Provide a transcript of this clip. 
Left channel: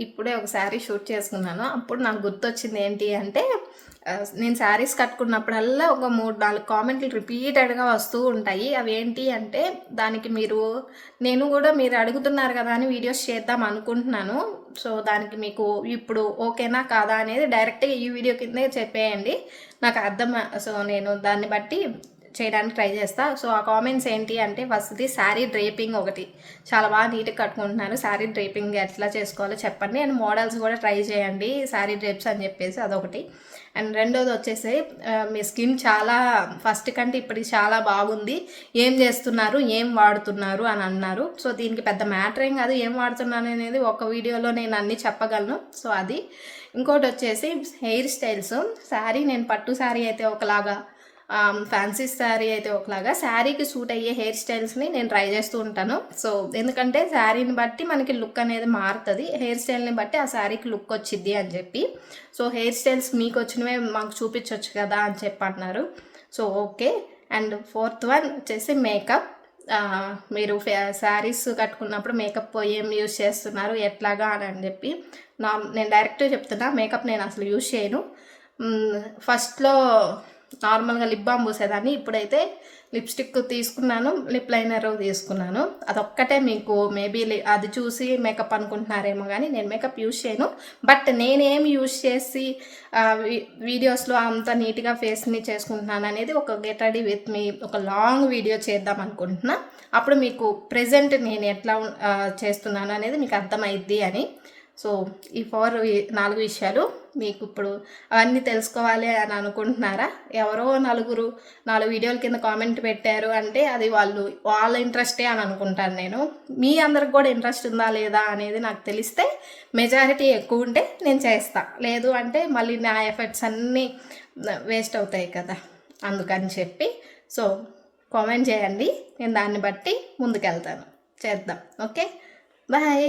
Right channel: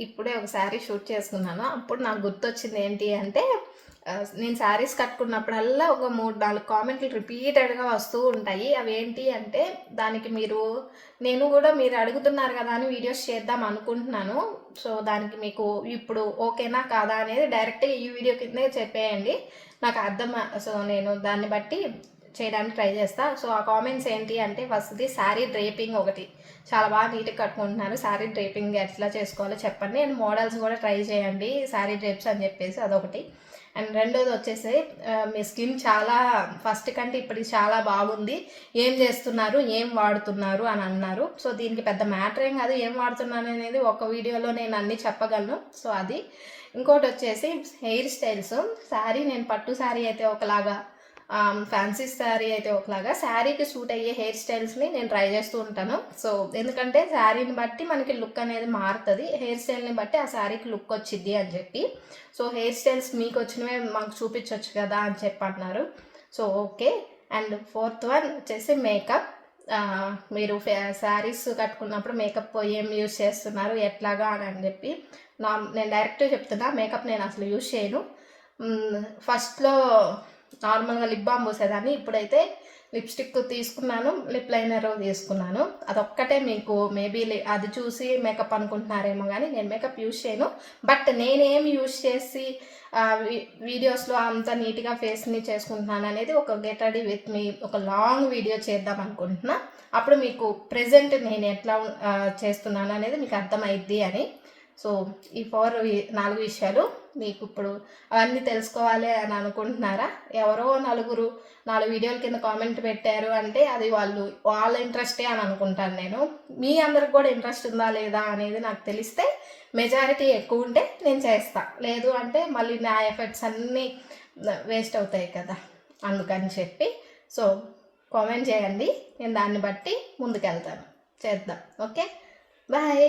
ఇప్పుడే ఒక శారీ షూట్ చేసుకున్నాను. అప్పుడు నాకు గుర్తొచ్చింది ఏంటి అంటే నేను శారీస్ కట్టుకున్నప్పుడల్లా ఒక 3-4 కామెంట్లు రిపీటెడ్‌గా వస్తూ ఉంటాయి. అవేంటి అంటే దానికి నేను కూడా మీరు అడుగుతున్నారు కదా అని వీడియోస్ చేద్దాం అనుకుంటున్నాను. సో, దానికి మీకు ఇప్పుడు ఓకేనా కాదా అనేది డైరెక్ట్‌గా ఈ వీడియో కిందే చెప్పేయండి. నాకు సో, నేను దాన్ని బట్టి చేయడానికి ట్రై చేస్తా. సో, ఆ కామెంట్స్ ఏంటి అంటే ఫస్ట్‌ది శారీ డ్రేపింగ్ ఒకటి. చాలా బాగా నీట్‌గా కట్టుకుంటున్నాను. శారీ డ్రేపింగ్ ఎట్లా చేసుకోవాలో చెప్పండి. అండ్ మోడల్స్ కూడా ట్రై చేయండి శారీ డ్రేప్స్ అని చెప్పేసి అదొకటి. అండ్ రెండోది వచ్చేసి మీ స్కిన్ చాలా ఫస్ట్ కంటే ఇప్పటికి చాలా బాగుంది. ఏం చేస్తున్నారు, ఏం వాడుతున్నారు అని అన్నారు. సో, దీనికి పెద్ద మ్యాటర్ ఏం కాదు. ఏం వాడుతున్నాను అనేది ఒక వీడియోలో నేను అన్నీ చెప్పగలను. సో, అది. ఇంకోటి వచ్చేసి హెయిర్ స్టైల్స్. శారీ నేను పట్టు శారీ అయితే ఒకలాగా, ఫ్యాన్సీ శారీ అయితే ఒకలాగా, శారీకి సూట్ అయ్యే హెయిర్ స్టైల్స్ని నేను ట్రై చేస్తూ ఉంటాను. సో, ఎందుకంటే శారీని బట్టి మనకి లుక్ అనేది మారుతుంది, హెయిర్ స్టైల్ని బట్టి ఆ శారీకి లుక్ వచ్చిద్ది అని చెప్పి. సో, హెయిర్ స్టైల్స్ మీకు వచ్చినవే మాకు చూపించవచ్చు కదా అని చెప్పి అన్నారు. So, okay. And fourth one వచ్చేసి మేకప్. మీరు శారీస్ కట్టుకున్నప్పుడు మేకప్ ఏం యూస్ చేస్తున్నారు ఎట్లాగా అని చెప్పి నేను డైరెక్ట్గా చెప్తున్నా, మేకప్ నేను అసలు యూస్ చేయను. ఫస్ట్లో నార్మల్గా లిప్ బామ్ పూసేదాన్ని. ఇప్పుడైతే లిప్స్టిక్ తీసుకున్నాను, లిప్ లైనర్ తీసుకున్నాను. అదొక్కటే మీకు మేబీ అది చూసి మేకప్ అనుకుంటున్నారేమో, కానీ నేను మేకప్ యూజ్ చేయను. బట్ నేనేం యూజ్ చేసి వీడియోస్లో అంత నీట్గా ఫేస్ని చేసుకుంటున్నాను అనేది ఒక గెట్ రెడీ విత్ మీ ఒక లాంగ్ వీడియో చేద్దాం అనుకుంటున్నా. అప్పుడు మీకు ప్రెజెంట్ నేను ఎట్లా చేస్తున్నాను అనేది మీకు అర్థమైద్ది అని. సో, ఈ 4 విషయాలు మీకు ఇప్పుడు అవన్నీ తెలుసుకోవాలి అని అనుకుంటున్నారా? ఎవరో 4 వీడియోల కింద కామెంట్ పెట్టారు అంటే అది వాళ్ళ ఇంట్రెస్టే అని అనుకుంటాను నేను. మీ అందరికి కూడా ఇంట్రెస్ట్ ఉందా లేదా అనేది నాకు తెలిస్తే, మెజారిటీ ఎక్కువ ఉంటే నేను చేస్తా. లేదు అంటే మళ్ళీ నా ఎఫర్ట్స్ అన్నీ వేస్ట్ అవుతాయి కదా, అందుకని చెప్పి. సో, కామెంట్ చేయండి, నేను దాన్ని బట్టి ముందుకెళ్తాను. చేద్దాం. Okay, bye.